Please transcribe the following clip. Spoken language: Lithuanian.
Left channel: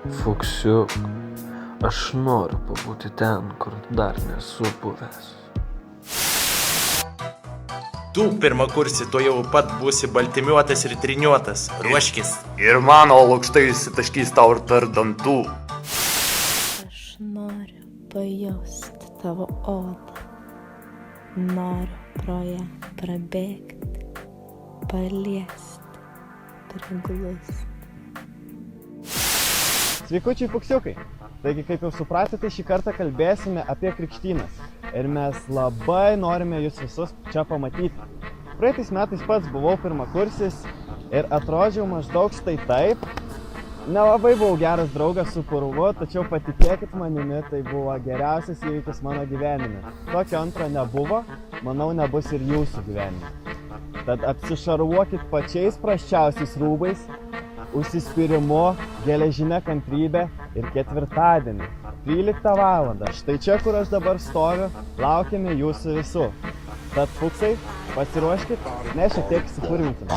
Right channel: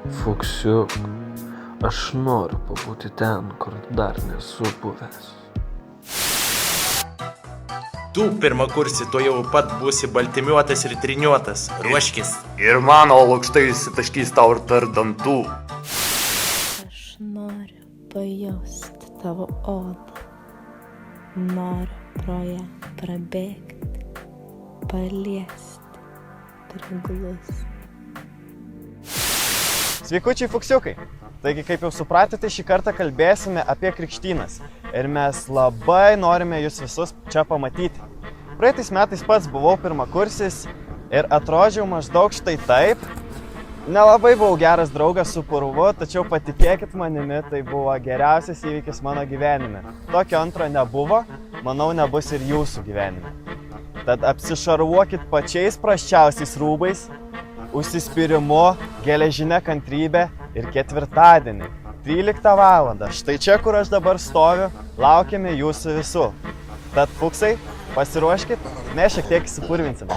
Fuksiuk, aš noriu pabūti ten, kur dar nesu buvęs. Tu pirmakursi, tu jau pat būsi baltimiuotas ir triniuotas. Ruoškis. Ir mano lukštai įsitaškys tau ir tarp dantų. Aš noriu pajausti tavo odą. Noriu pro ją prabėgti, paliesti, priglusti. Sveikučiai fuksiukai! Taigi, kaip jau supratote, šį kartą kalbėsime apie krikštynas. Ir mes labai norime jūs visus čia pamatyti. Praeitais metais pats buvau pirmakursis ir atrodžiau maždaug štai taip. Nelabai buvau geras draugas su purvu, tačiau patikėkit manimi, tai buvo geriausias įvykis mano gyvenime. Tokio antro nebuvo, manau nebus ir jūsų gyvenime. Tad apsišarvuokit pačiais prasčiausiais rūbais, užsispyrimu, geležinė kantrybė ir ketvirtadienį, 13 valandą. Štai čia, kur aš dabar stoviu, laukiame jūsų visų. Tad fuksai, pasiruoškit, mes šiek tiek įsipurvinsim.